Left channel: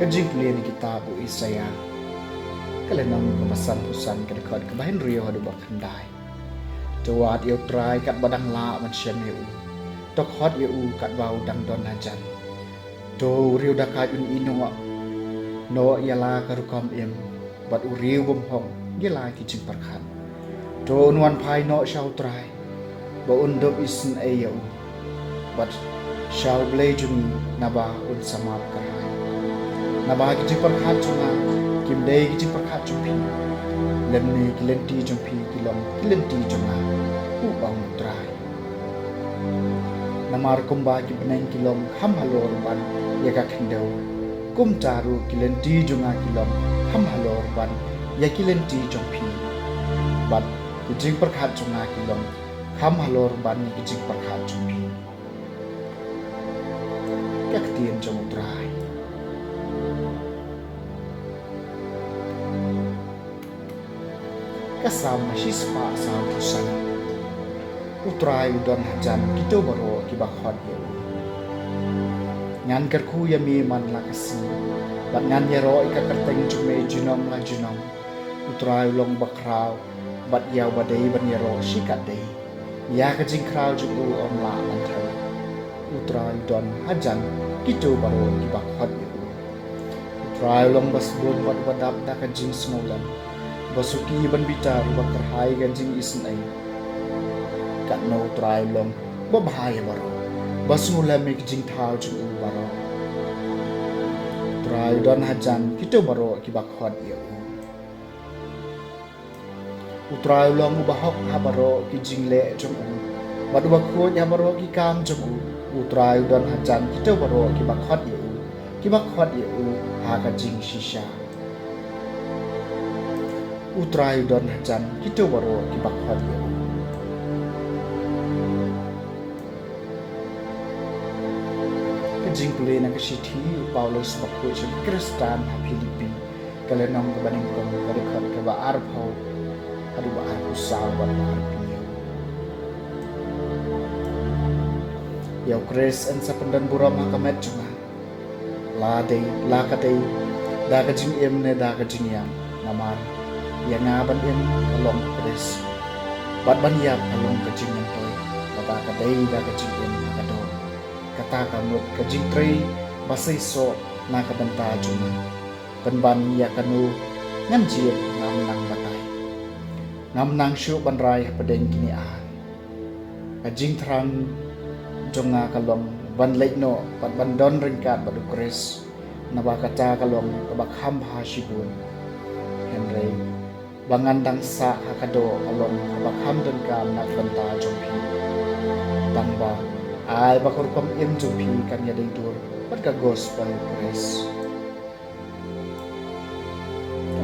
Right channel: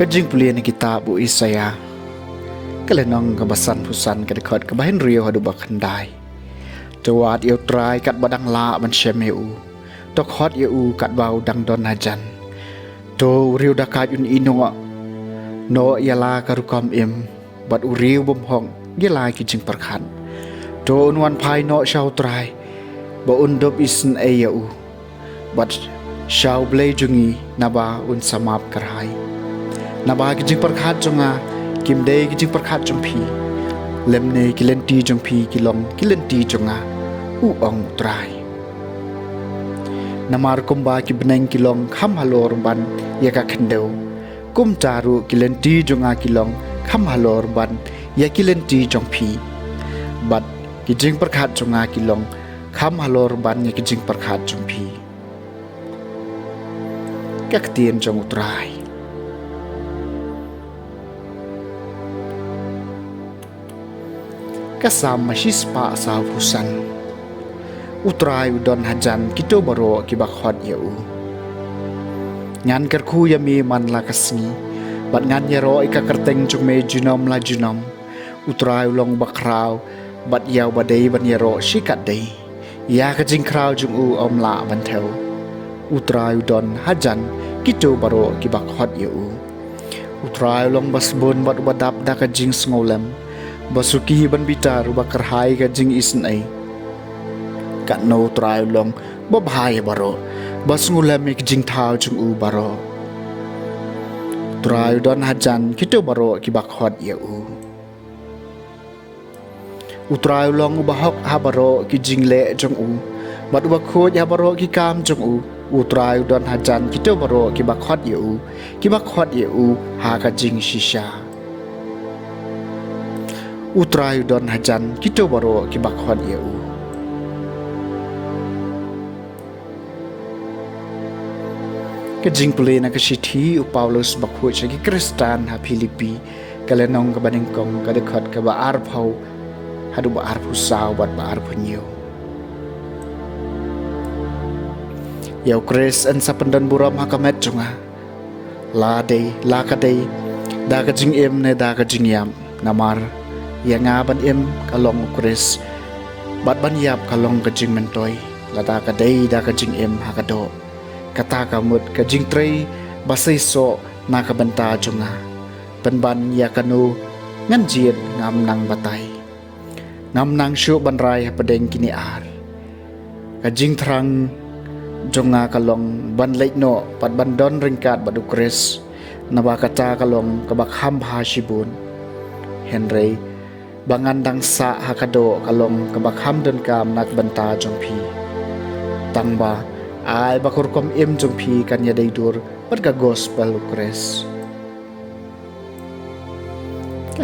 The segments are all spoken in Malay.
Kajing pulian ni kitab bu Isaya kalenong kabasan pusan kadekot kabahin rio hadu bakandai tuat iu trai kat badang la man syemeu tok hot iu kat bau dang don hajan to rio dakat un inong no yala karukom im bad uriu bom hong gila kijing perkhan to unwan pai no shau trai ba undop isen ayau bad shau blei jungi naba un samap karhai naba kijing perkhat chunga kimdei kijing perkhat chumpi lemne kilenti chumpi kilong kilenti chunga u ong trai namar kumba ki beneng kilong kham halor ban yaka khendeu kum charu kilenti chunga kilong kham halor ban ya kilenti chumpi bat kijing perkhat chunga kilong kham halor ban ya kijing perkhat chumpi kak tien chong trai kasam masis pa salpusan utrai udon hajan kito baro kibakhot yau ngan kerku yami man lakasni bat ngan yaro ika kerteng chume junom la junom utrai long bakrau bat yau badai ban yaro shikat dei ya kajing krau jung u om la ban theu utrai udon hajan kito baro kibakhot yau utrai long basbon bat badap da kajing sngolam basuki ban bitar bakar hai ka jing isn ai kat no trai long babhai baro basngula mi jing thau chung u baro trai don hajan kito baro ki bakhot ye u utrai long bahok ha baro ki jing le chung u bad bakho ya baro ki kam chung u utrai don hajan kito baro ki bakhot ye u ki bakhot ye u ha ka jing shisha utrai don hajan kito baro ki bakhot yeu ke jing pule na ka sithi u Paulus bakhu che ki Kristan ha Filipi kalenong ka baning kong ka dekhot ka ba ar phau hadu ba ar phusau bat ba ar phunyo yau Kris an sa pandan buram ha kamet chunga la dei la ka dei da ka jing em ne da ka jing yam namar ya nga ban em kalong Kris bat ban yap kalong ka jing mentoy lata ka dei da ka jing em hakado kata ka mut ka jing trei basai so na ka banta junga ban ya kanu ngan jiet ngam nang batai ngam nang shu ban rai padeng kini ar ka jing thrang jonga kalong ban leit no pat ban don ringkat badu Kris na ba kata kalong ka bakham ha shibun Henry bangan dang sa hakado along kabakham dan kam nak banta jongpi tangba ai bakur kom em jongpi kan ya deidur berga gospel Kris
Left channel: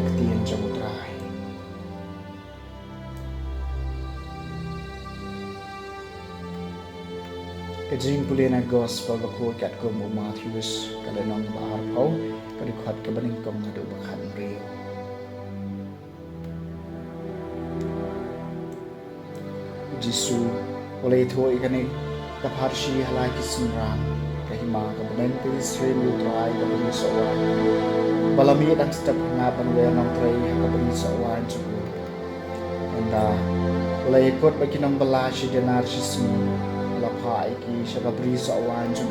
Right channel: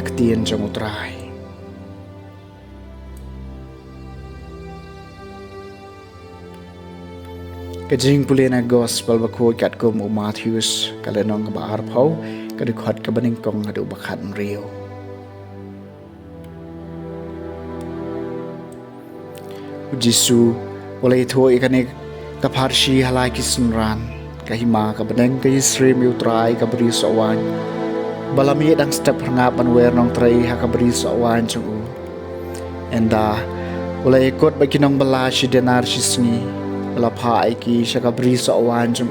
aktien jongutrai kajing pulena gospel bakho kat kom Matthews kalenong ba arphau kadikhat kabaning kong adu bakhan rio Jisu oleh itu ikane kaparshi halai kisunran kahima kabadeng ka Israel utrai kabri sawan balami dang step hangapan wer nong trai hakabri sawan chung enda oleh ikut baginong bala si denar sisni lapha iki sakabri sawan chung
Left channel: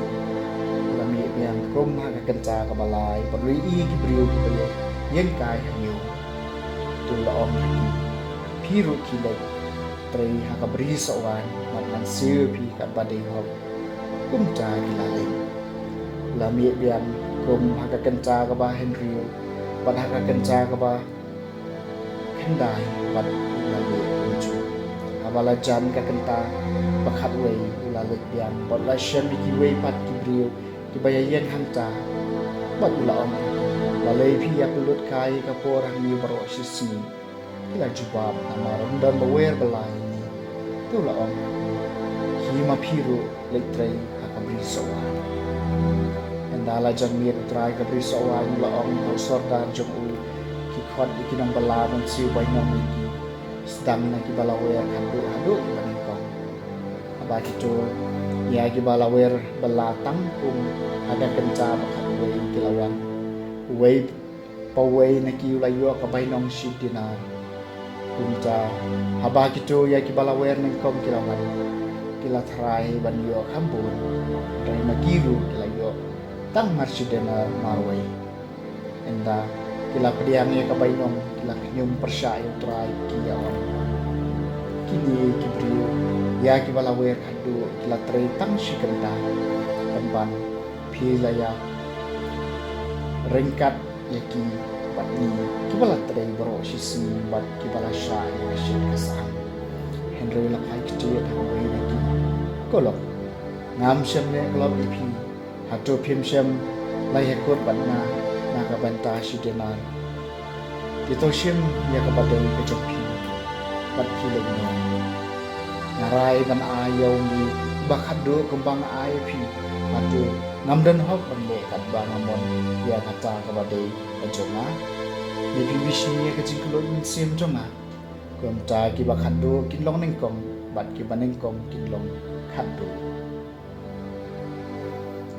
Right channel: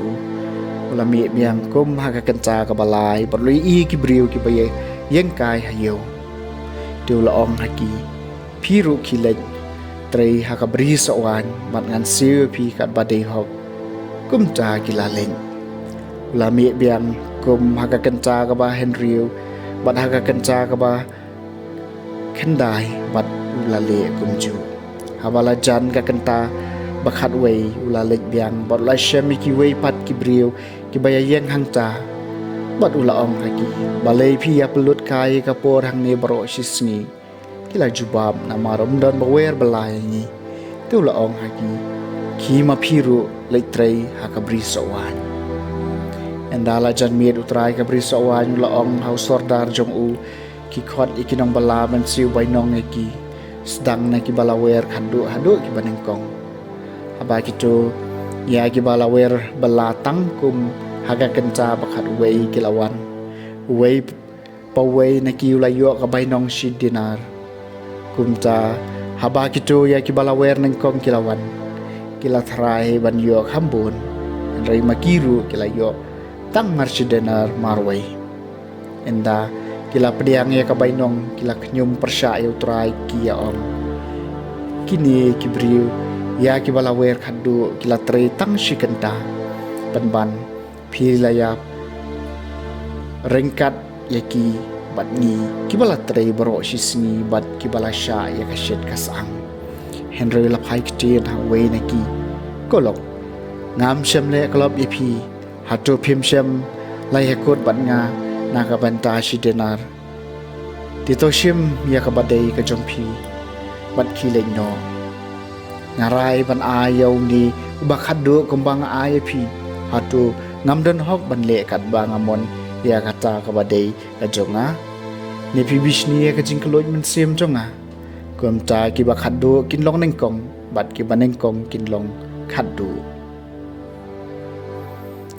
balami biang kum hakakenca kabalai perlu i kibriu kibaye yeng kai hayo tu la om haki piru kilek tray hakabri sawan mat ngan siu pi kat badai hop kum cha gilaleng lami biang kum hakakenca ka ba henriu bat hakakenca ka ba kendai bat ulale kum ju habala jan ka kenta bakhat wei ulale biang bat la shemi ki wei pat ki briu ki bayayeng hang cha bat ula om haki balai pi aplut kai ka por hang ni baro sisni kila jubab na marom don bawer balai ni tu la om haki ki ma phiru leitrei hakabri sawan endala jan miet utrai kabri sawan la om hau sordar jong u ki khot ikinong bala man siu bainong ki sedang na ki balawer khandu hadu ki banengkong aba ki tu ya ki balawer balatang kum haga kenca bakhat wei kilawan wei pawei na ki ulayo ka bainong shi dinar kumta haba kitu ya ki balawer nengkong kilawan kila thrai ban yo khambun rai makiru kila yo tang marsidenar marwai enda kila pediang ya ka bainong kila knyum persya yo trai ki ya om kini kibriu ya ki balawer khadu kila trai tang shikenta panban pilaya rengkat yaki bat ni kibala tray baro shisni bat kibala sha ya kashet kasang henry la pai kti ta we naki kolok ngam shem le klop ipi hatu phim shem lai hekut bat nga naga banta shi denar tito shim ya ka badai ka jongpi bat ki leng no ngarai ban ayau ni bakhat do kumbang ayepi hatu ngam den hok ban le kat bang amon ya kata ka badai ka jonga ni pi bishni ka jingkloi men sem jonga kum ta ki ba khaddu kin long neng kong bat ki baneng kong kin long khaddu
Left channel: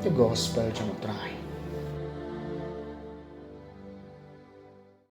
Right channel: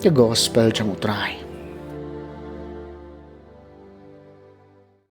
the gospel jong trai